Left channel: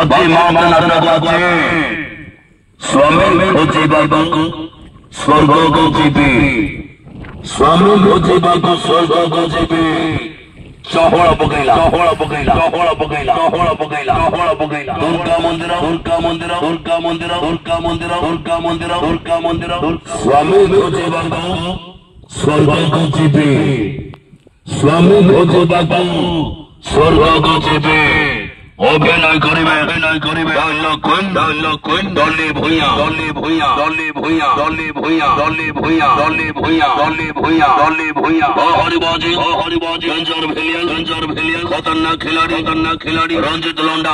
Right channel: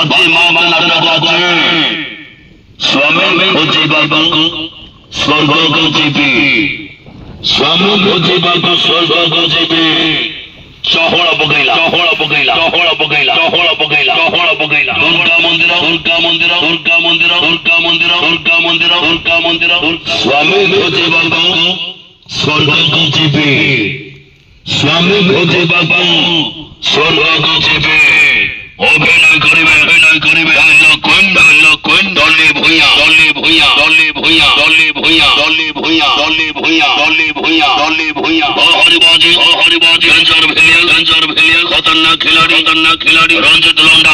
बाजी माँ नाटक আছে स्वामी खोजिबाको स्वर्गको जीवी स्वामी खोजिबाको स्वर्गको जीवी चहल पकैला दुर्गा मंदिर स्वामी खोजिबाको स्वर्गको जीवी स्वामी खोजिबाको स्वर्गको जीवी अभिनय करिबे डली भुइया हरिबाजी डेंजर भेलियल खतरनाक खिलाड़ी रंजित लोंडा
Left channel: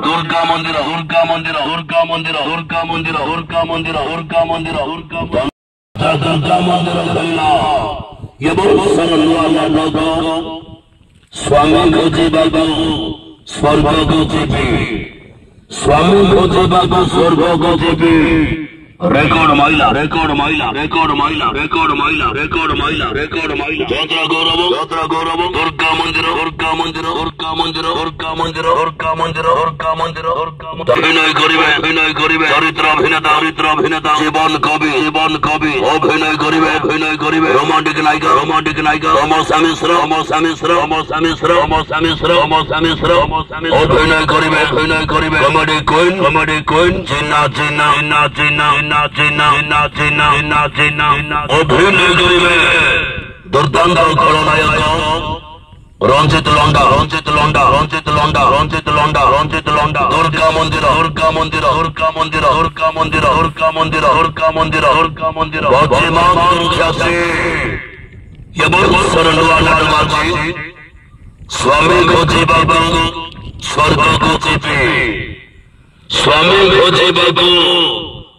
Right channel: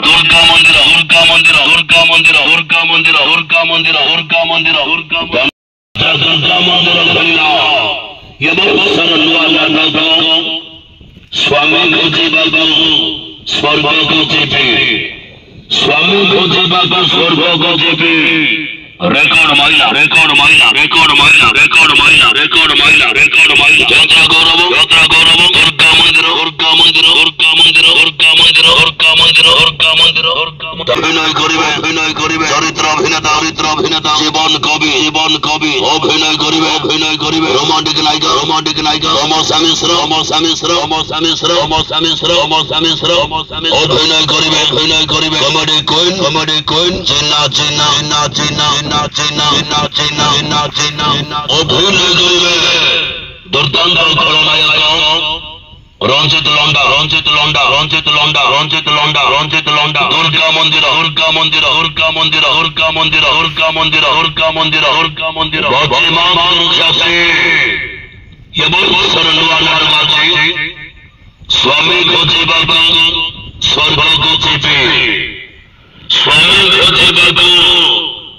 दुर्गा मंदिर ये बहुत सरल स्वामी खोजिबाको स्वर्गको जीवी स्वामी खोजिबाको स्वर्गको जीवी रेकर्ड माइला यात्रा गौरव दुर्गा मंदिर अभिनय करिबे चरित्र अभिनेता जीवन कवि अभिनय करिबे रोमांटिक नायिका रमसा मिश्र अभिनय करिबे कॉमेडी क्वीन जिन्ना अभिनय करिबे दुर्दांत खलनायक रंजित लोंडा दुर्गा मंदिर बाजी मां ये बहुत सरल स्वामी खोजिबाको स्वर्गको जीवी स्वामी खोजिबाको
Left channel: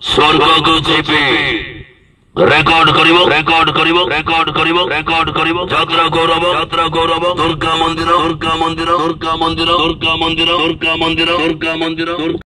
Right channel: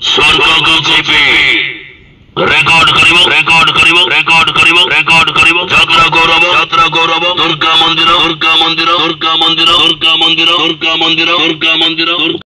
स्वर्गको जीवी रेकॉर्ड करिबो यात्रा गौरव दुर्गा मंदिर